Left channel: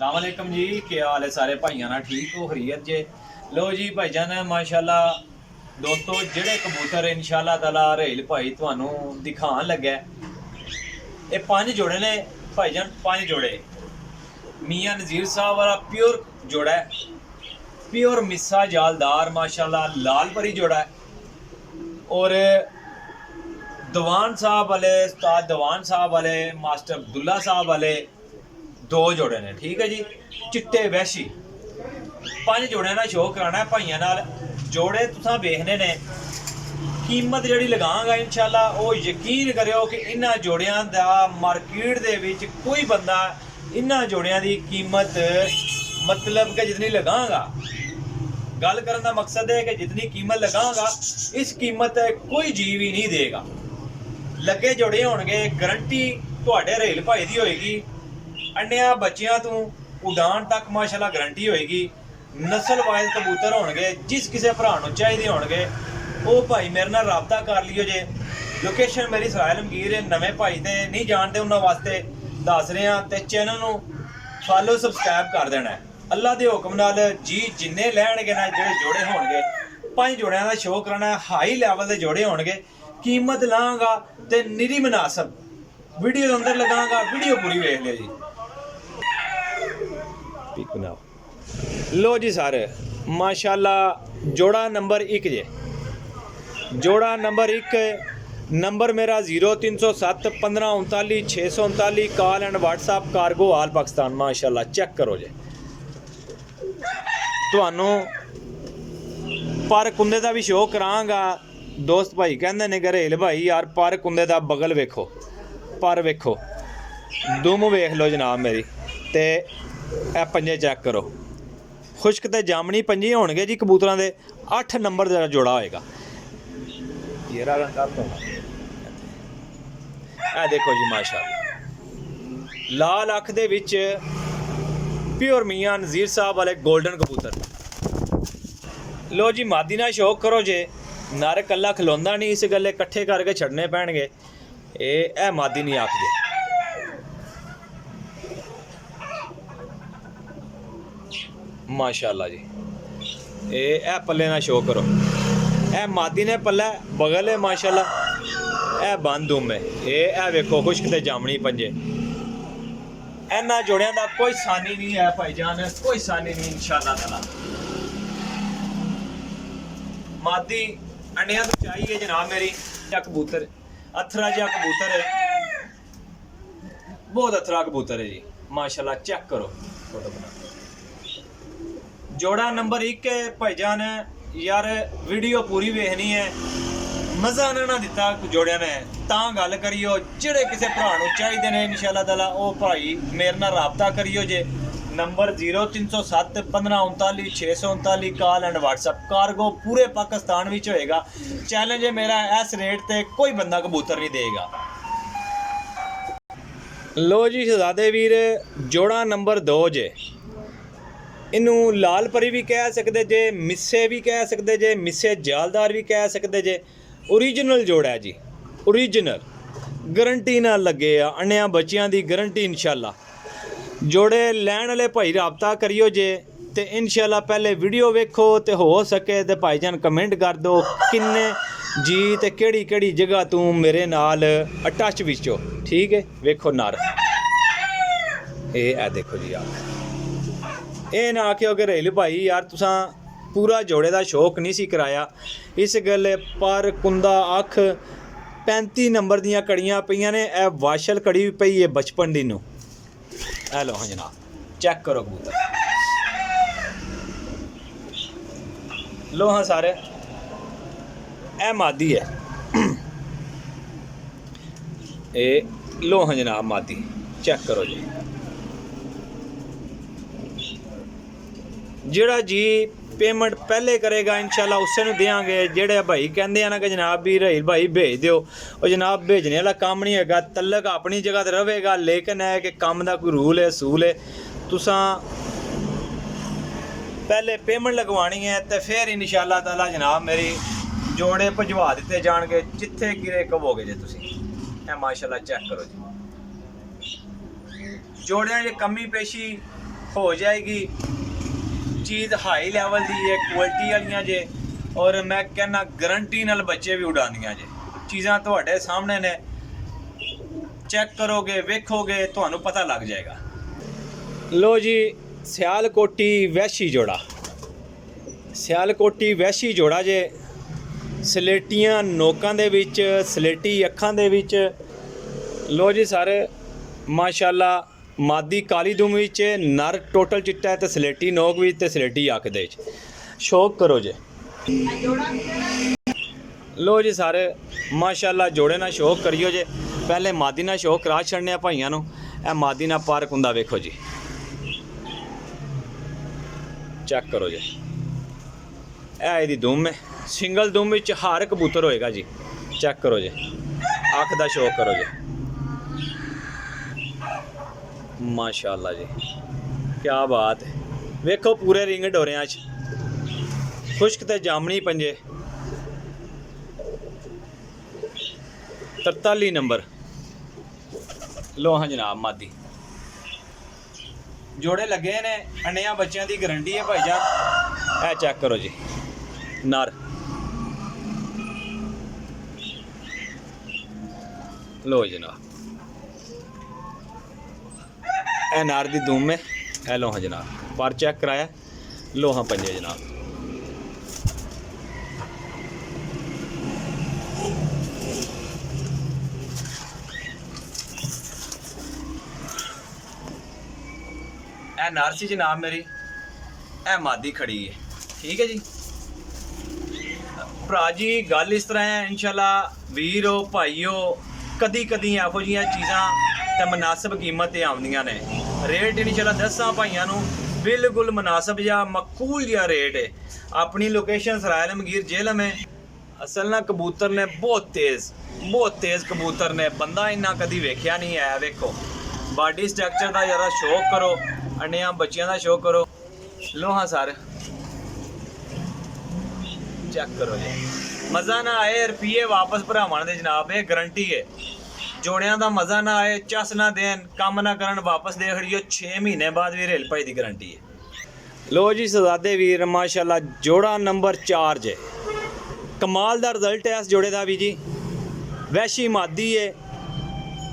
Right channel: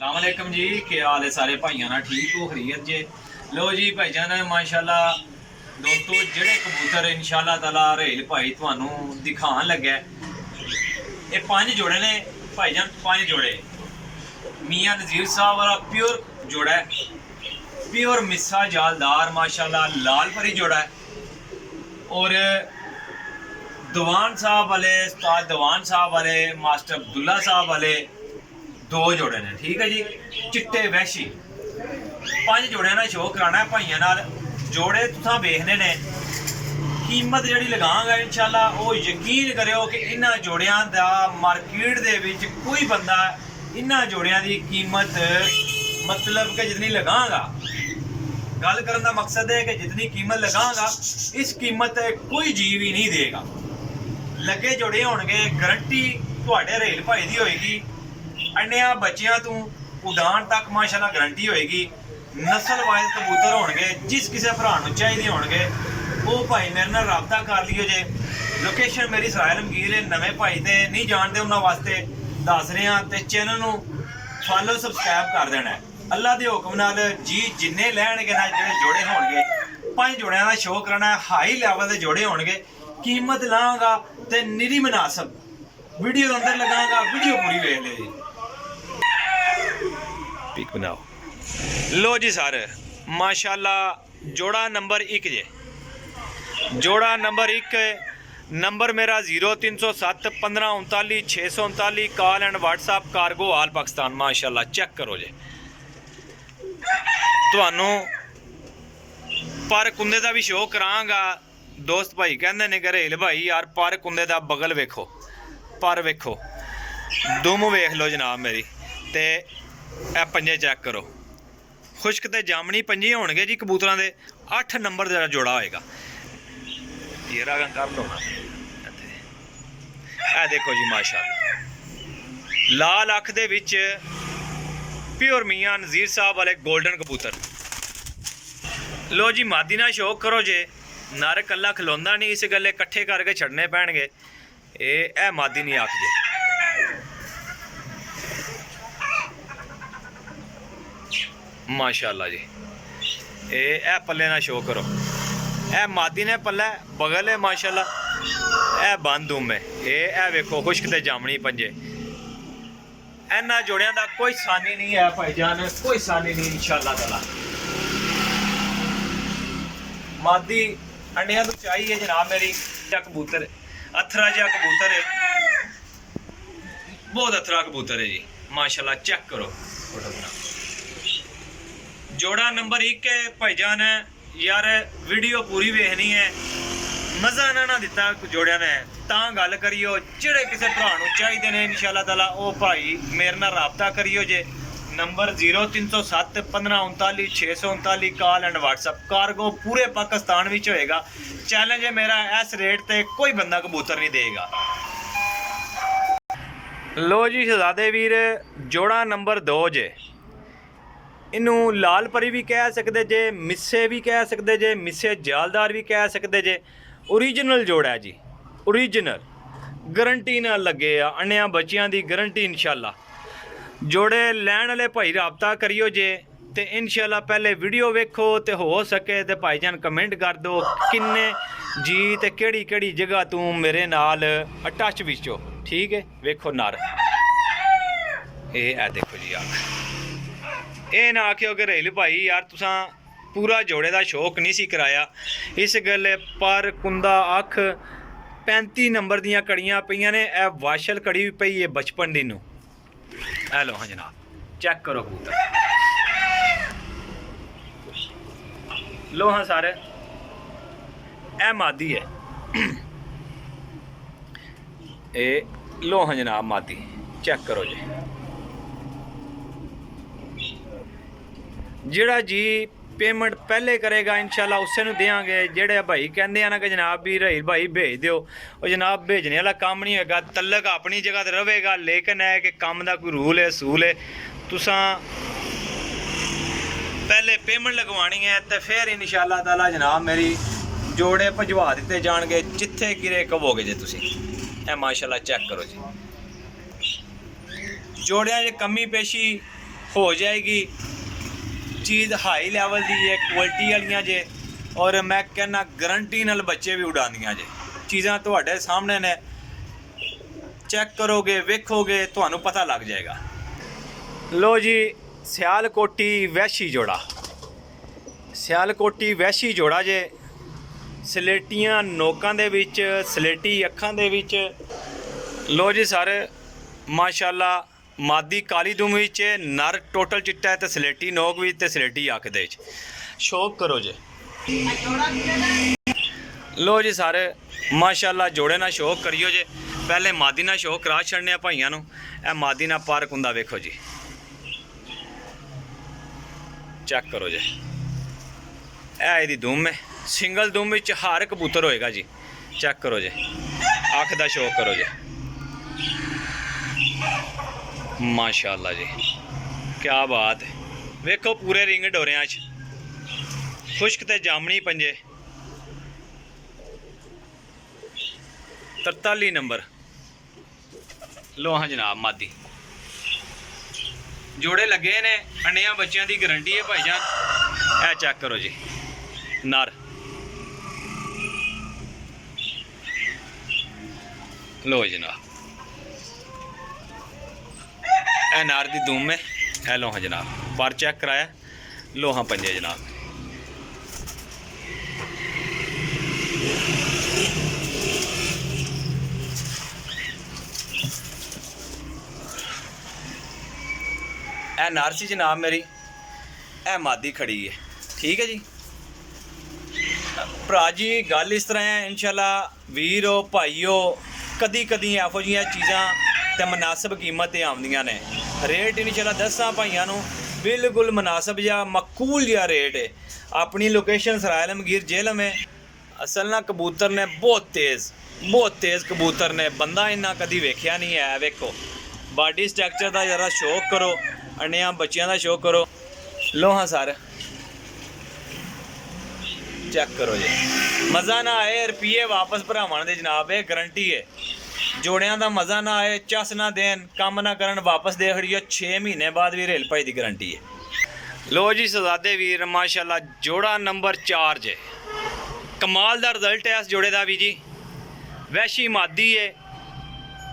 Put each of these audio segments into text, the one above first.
अस्सलाम वालेकुम जी, क्या हाल है सारे भाइयों ना? ठीक हो, खरीयत जे? लो जी भाईजान, माशाल्लाह दोस्तों जेड़े कबूतर इंशाल्लाह ताला रहेल भाई तुहानू दिखान लगे ये 5 जोड़े ने भाईजान। 5 जोड़े मियाँ नज़ीर साहब वाला प्योर जोड़ा है, प्योर मिस्सा जालदार माशाल्लाह लाल परी जोड़ा है। और दवान साहब वाले उस्ताद दवान साहब वाले मास्टर अब्दुल्ला साहब वाले 2 जोड़े ने, ठीक है जी। चिट्टे वैशी 5 जोड़े ना शो कराना है भाइयों नाल। जोड़े तुसां वेखने ने, कीमत जिहड़ी लगांगा इंशाल्लाह वो यकीन करियो कि इन्हां जोड़ियां दा मार्केट दे विच कोई बंदा इन्हां जोड़ियां दी कीमत मतलब कि जितनी लगांगा, गल करन दा मकसद है कि जितनी कीमत लगांगा इस कीमत कोई जीव ही नहीं देगा। लगे जोड़े होणगे, गारंटी तुहाडे रहेल भाई दी होएगी। अंडिया बच्चियां तू उड़ान तक माशाल्लाह गारंटी होएगी। नस्ल वाइज कबूतर होणगे, जिस किसी भरा नूं चाहिदे होणगे वो भाई मेरे नाल राबता कर लियो जे। लोकेशन मेरी सराय लमगीर है। नवे भाई ते नहीं जानते उन्हां वास्ते दस रहे हैं, ते चैनल नूं फॉलो सबसक्राइब कर देना है। अल्लाह दे हुक्म नाल जी जिन्ने लैणगे ना जेड़े जोड़े होणगे 5 जोड़ियां दा शो कराना है। हाई लैवल दे जोड़े होणगे, कीमत लांगा ते निरी मुनासब वीडियो दे अंदर लगांगा। वीडियो पूरी वेख लियो जी। पिक बनाओ। लो जी सर माशाल्लाह जोड़ा नंबर 1 जे, जोड़ा नंबर 1 नंबर मेरा 0307 1539 639 कॉल एंड व्हाट्सएप कार्गो आल पाकिस्तान। माशाल्लाह चेक करो जे। तुहानू पर कुंदे दा भी शो करांगा। दोस्त भाई कहंदे ने घरेल भाई यार पर कुंदे दा बगल वेखो, पर वेखो, दुम वेख लो जनाब मेरी। ते ए पंजे चेक करो, खुश्क ते जामनी पंजे होणगे जी कबूतरां दे। 8 नंबर दा जोड़ा होएगा। ये रागा कर लो ना, ए देखो जी माशाल्लाह लाल अख दे विच प्योर मियाँ नज़ीर साहब वाले गोल्डन कबूतर। लो जी मादी ना शौक करो जे। नर कल्ला खलोंदा नहीं, इस गल्ले कट्ठे करके छड़ने पैणगे। ए मादी नहीं आख जे। माशाल्लाह जी ए पल्ले ना शो करो। ए मादी ने पल्ले बगल है माशाल्लाह। ए बंद उम है। ए वेखो खुश्क ते जामनी पंजे। इन्हां जोड़ियां दा कोई सानी नहीं है भाईजान, कोई सानी नहीं इंशाल्लाह ताला। मादी अंडियां तो चाहिए जनाब मेरी। कबूतर अथरा जा कबूतर है, बहुत अथरा कबूतर है जी माशाल्लाह। चेक करो फोटो बना। जोड़ा नंबर 1 है भाईजान। यार वीडियो पूरी वेखनी है, मज़ा ना दिता जोड़िया ने तां गल करियो। जेड़े किसी भरा नूं चाहिए ने इंशाल्लाह ताला वो भाई मेरे नाल राबता करियो जे। Number 0307 1539 639 call and WhatsApp cargo पूरे पाकिस्तान विच होएगा। चैलेंज है मेरा, इस रेट ते कोई बंदा कबूतर नहीं देगा। लो जी शहजादे वीर जोड़ा नंबर 2 जे। इनू लाल परी भी कह सकते जे, मिस्से भी कह सकते जे, मिस्से जालदार भी कह सकते जे। ओरिजिनल जोड़ा है जी, ओरिजिनल गारंटी ना लगे अन्या बच्चियां दी गारंटी इंशाल्लाह। जोड़े लैण वाले भाई राबता करियो जे। ते इंशाल्लाह पहले वीडियो वेखो ते हो सके ते भाईजान कमेंट कर दो किन्ने जी ते केड़ी केड़ी जगह तू मेरे नाल अटैच विच हो, ठीक है। वेखो नर ए देखो जी आख। ਇਹ ना आखियो कि रहेल भाई यार तुसां पूरा जोड़े का शौक नहीं सी कराया। इस गल्ले पर कुंदा अख 35 नंबर दियां कड़ियां पईयां ने। ए वाशल कड़ी भी पई है बचपन दी नूं। ए लो हाँ जनाब चेक करो कबूतर। लो हाँ सारे ए मादी है। ए लो हाँ जनाब मादी चेक करो जी। जेड़ा जी पेमेंट पहले करेगा इंशाल्लाह उसे नूं देंगे। जेड़े भाई कहंदे ना कि जनाब भी रहेल भाई भेज दिओ, और जनाब भेजने वाला काम नहीं होगा। तलक अपनी जगह ते रहेगा, लेकिन है कि काम का कोई रूल है असूल है। तुसां पहले पेमेंट लगवानी है तो फिर इंशाल्लाह ताला जनाब मेरी जोड़े भजवा दिते जाणगे जिथे गिरे कहोगे जे तुसीं। ए माशाल्लाह चेक करो जी। जोड़ियां च कमी पेशी हो जाएगी। चीज़ हाई लैवल दी है, क्वालिटी वालियां जे, और मैं कहना गारंटी नाल बच्चे भी उड़ांदियां जे। चीज़ां तुहाडे सामने ने, चेक करोगे वेखोगे तुहानू पता लग जाएगा। लो जी, सियालकोटी वैशी जोड़ा, सियालकोटी वैशी जोड़ा जे, सलेटियां नोकां दे विच, सलेटी अखां दे विच। लो जी सर, माशाल्लाह मादी काली दुम विच, नर टोटल चिट्टा है ते सलेटी नोक विच ते सलेटी अख दे विच। शौक करो जे। लो जी सर, माशाल्लाह जोड़े ना शौक करियो जे। पहले मादी ना शौक करा छड़ने भाइयों नू। ए मादी ना पार्क हुंदा वेखो जी, चेक करो जे। ए इहदी दुम है, सिंगल दुम विच हर कबूतर होएगा जी। चेक करो जे, अख दा शौक करो जे। माशाल्लाह जी, क्या बात है। वेखो पूरे रिंग डोरियां च, खुश्क ते जामनी पंजे। 43 नंबर। लो हाँ जनाब, मादी जोड़े लगे ने, अंडिया बच्चों की गारंटी है भाईजान। ए चेक करो जी, नर। लो जनाब, ए नर दी दुम है। ए लो हाँ जनाब, पर चेक कराया। लो हाँ पंजे जनाब। ए नर सी जनाब मेरी, ए मादी खड़ी है। ठीक है जी भरा जी, गल इस तरह है इंशाल्लाह वीरो भाईओ, कदी कदी एहो जिहियां चीज़ां ते मुनासिब कीमत ते आउंदियां ने। रेट इंशाल्लाह दसां भाइयों नू बिल्कुल मुनासिब या मकूल जिहा रेट है। अपनी लोकेशन सरायल मगीर जेलम है। असल ना कबूतर ने बहुत तेज़ कबूतर ने, बंदा इन्ना कदी वेख्या नहीं है। वेखो बॉडी स्ट्रक्चर का जरा शौक करो, अंडिया बच्चों का शौक करो। लो हाँ सर, चेक करो जी। मज़ा ना आए रुपये वापस भरावान दे जनाब, ये गारंटी है। जोड़ियां का मज़ा ना आए, चस ना देन, कम ना करन, वापस दे खड़ियो। 6 महीने बाद भी रेल भाई की गारंटी है। लो जी सजादे वीर, माशाल्लाह जोड़ा नंबर 4 जे। कमाल दा रिजल्ट है इस जोड़े का भी जी। वैशी मादी है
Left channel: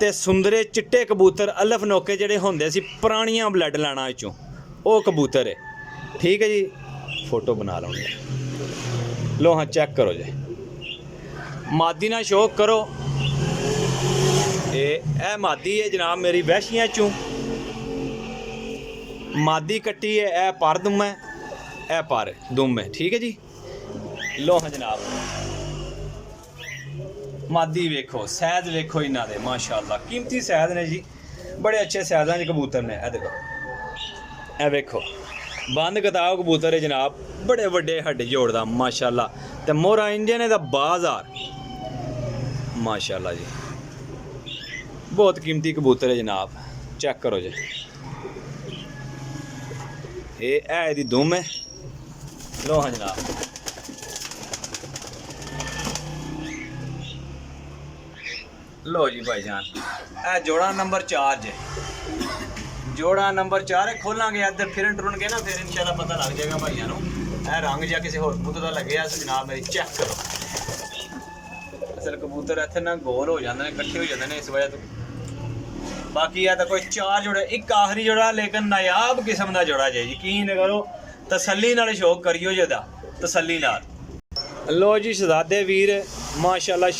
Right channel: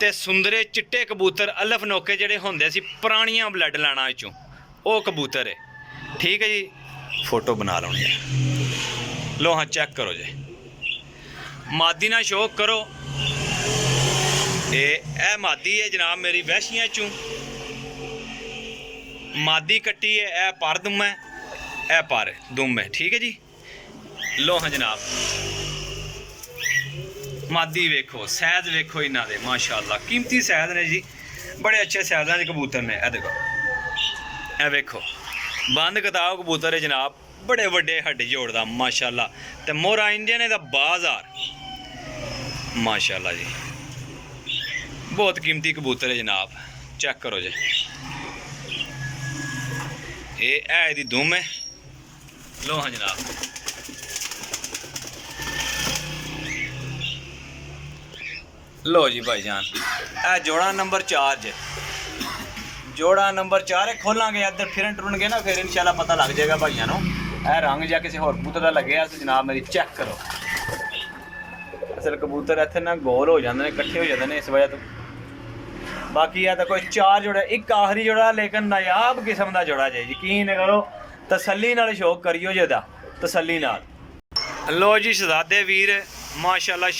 ते सुंदरे चिट्टे कबूतर, अलफ नोके जेडे होंदे सी पुरानियां ब्लड लाना विचों, वो कबूतर है। ठीक है जी, फोटो बना लौनी है। लो हाँ चेक करो जी, मादी ना शौक करो। ए मादी है जनाब मेरी, वैशियां चों मादी कट्टी है। ए पर दुम है, ए पर दुम है। ठीक है जी। लो हाँ जनाब, मादी वेखो, सैद वेखो इन्हां दे, माशाल्लाह कीमती सैद ने जी। बड़े अच्छे सैदां दे कबूतर ने। ए देखो, ए वेखो बंद किताब कबूतर है जनाब, बड़े वड्डे हड्डी जोड़दा माशाल्लाह। ते मोहरा इंडियन दा बाजार, माशाल्लाह जी, बहुत कीमती कबूतर है जनाब। चेक करो जी, ये है दी दुम है। लो हाँ जनाब, लो जी भाईजान, ए जोड़ा नंबर 4 जे। जोड़ा नंबर 4 है। खोलांगे इधर फिरन टुरन गए ना, फिर इंशाल्लाह पता लग जाएगा भाइयों नू। ए रंग या किसी होर कबूतर का लगे जनाब मेरी, चेक करो। असल कबूतर इतने ना गोल हो जाते हैं, इकट्ठे हो जाते हैं इस वजह तो। बाकी है तो कोई 4 जोड़ा, एक आखिरी जोड़ा लेकिन नायाब किस्म का जोड़ा जे। यकीन करो, तसल्ली नाल शौक करियो जेदा, तसल्ली नाल। लो जी शहजादे वीर, माशाल्लाह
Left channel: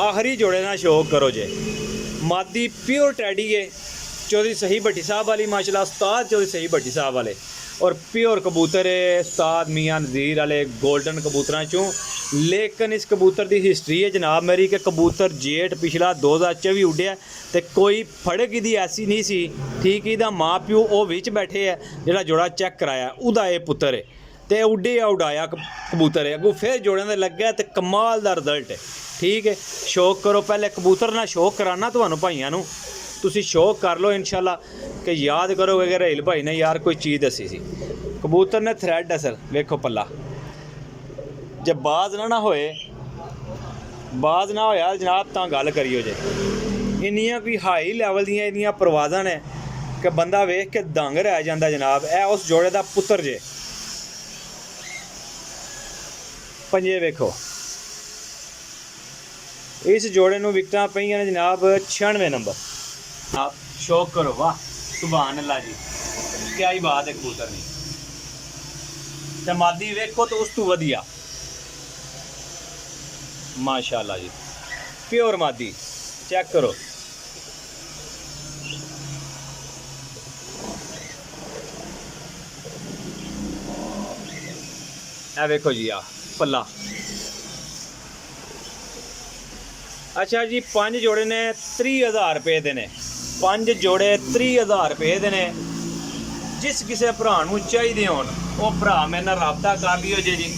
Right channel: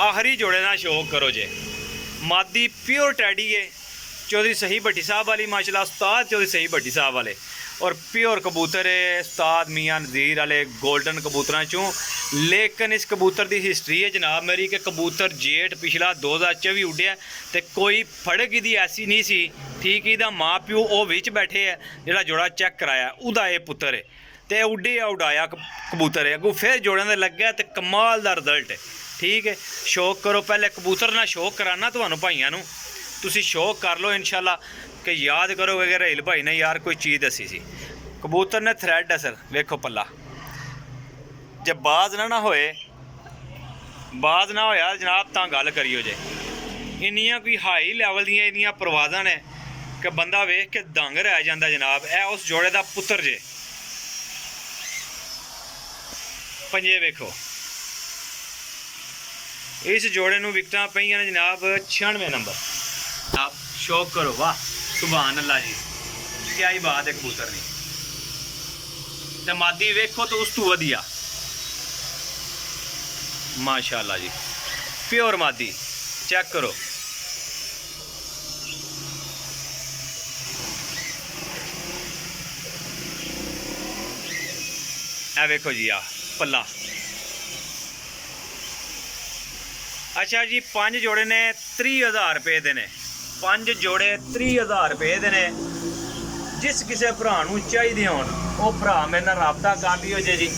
आखिरी जोड़े ना शौक करो जे। मादी प्योर टैडी है, चौधरी सही भट्टी साहब वाली, माशाल्लाह उस्ताद चौधरी सही भट्टी साहब वाले, और प्योर कबूतर है उस्ताद मियाँ नज़ीर वाले गोल्डन कबूतर चों। लेकिन इस कबूतर की हिस्टरी है जनाब मेरी कि कबूतर जेठ पिछला 2024 उड्डिया तो कोई फड़क इहदी ऐसी नहीं सी। ठीक, इहदा माँ प्यो वो विच बैठे है, जिहड़ा जोड़ा चेक कराया उहदा ये पुत्तर है, तो उड्डिया उड़ाया कबूतर है। अगों फिर जोड़ियां दे लग्गे तो कमाल दा रिजल्ट है। ठीक है, शौक करो। पहले कबूतर ना शौक कराना तुहानू भाइयों नू, तुसी शौक कर लो इंशाल्लाह कि याद करोगे कि रहेल भाई ने यार कोई चीज़ दसी सी। कबूतर ने थ्रैड है सर, वेखो पल्ला। जब बाज ना होए, बाज ना होया जनाब तां गल करियो जे। इन्नियां कोई हाई लैवल दियां इहदियां परवाज़ां ने ਕਿ ਬੰਦਾ ਵੇਖ ਕੇ ਦੰਗ ਰਹਿ ਜਾਂਦਾ ਜਨਾਬ। ਇਹ ਉਸ ਜੋੜੇ ਦਾ ਪੁੱਤਰ ਜੇ। ਪੰਜੇ ਵੇਖੋ, इस जोड़े ਨੂੰ विकटा ਪਈਆਂ ਨੇ जनाब 96 नंबर। आप शौक करो, वाह सुभान अल्लाह जी, क्या ही बात है कबूतर नहीं। ते मादी वेखो तो उस तू वधिया माशाअल्लाह जी, प्योर मादी चेक करो। ए वेखो जी, आ पल्ला। अच्छा जी, 5 जोड़े ने 30,000 रुपए ਦੇ ਨੇ। 5 जोड़े 30,000 रुपए ਦੇ ਨੇ। जिस किसी भरा ਨੂੰ ਚਾਹੀਦੇ ਹੋਣ ਉਹ ਭਰਾ ਮੇਰੇ ਨਾਲ ਰਾਬਤਾ ਕਰ ਲਿਓ ਜੀ।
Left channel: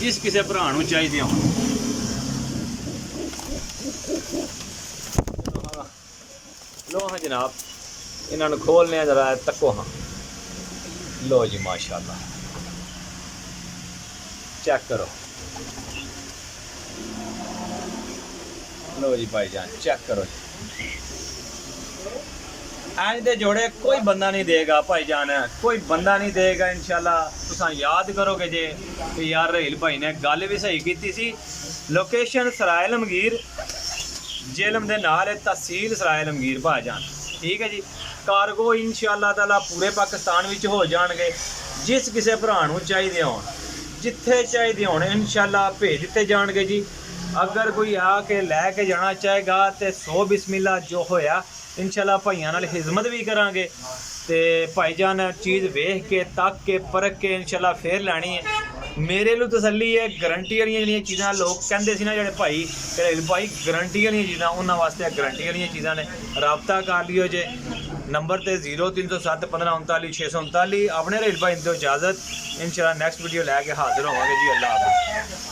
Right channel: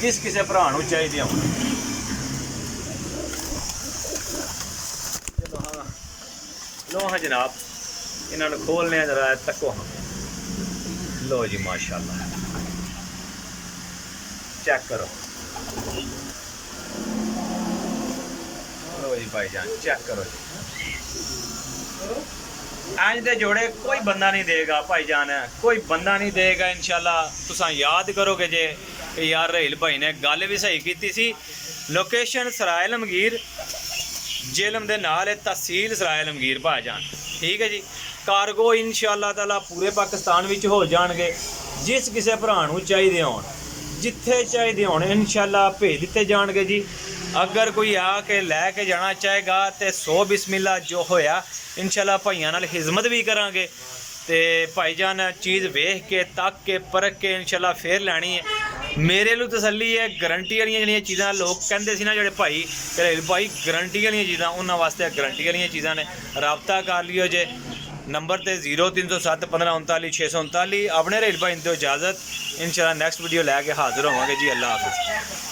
जिस किसी ਭਰਾ ਨੂੰ ਚਾਹੀਦੇ ਹੋਣ। लो हाँ जनाब, इन्होंने खोलने जरा तको। हाँ लो जी माशाल्लाह, चेक करो। लो जी भाईजान चेक करो जी। इंज दे जोड़े कोई बंदा नहीं देगा भाईजान, कोई बंदा नहीं देगा इंशाल्लाह। तुसां याद करोगे जे कि यार रहेल भाई ने गल भी सही की सी। लोकेशन सराय लमगीर, जेलम दे नाल है, तहसील सराय लमगीर भाईजान, ठीक है जी। कार्गो इंशाल्लाह ताला पूरे पाकिस्तान विच हो जाणगे। जिस किसी भरा नूं चाहिए होण, जिथे चाहिए होण इंशाल्लाह भेज दिते जाणगे जी। अगर कोई आके लैके जाना चाहेगा तो 100 बिस्मिल्ला जो होया इंशाल्लाह भाइयों नाल खिदमत भी करांगे। तो भाईजान चीज़ वेख के तक के परख के इंशाल्लाह फिर लैनी है। मेरे लिए तसल्ली है, गारंटी वाली जिहड़ियां चीज़ां लोग कहंदे सी ना जिहड़े भाई घरेलू भाई गारंटी वाली चीज़ां, उन्हां वास्ते गारंटी वाली चीज़ां ने। राबता कर लियो जे नंबर ते 0307 15 39 639। अपने रहेल भाई दो इजाज़त, इंशाल्लाह नैक्सट वीडियो लैके हाजिर होवांगे जी। अल्लाह हाफिज़।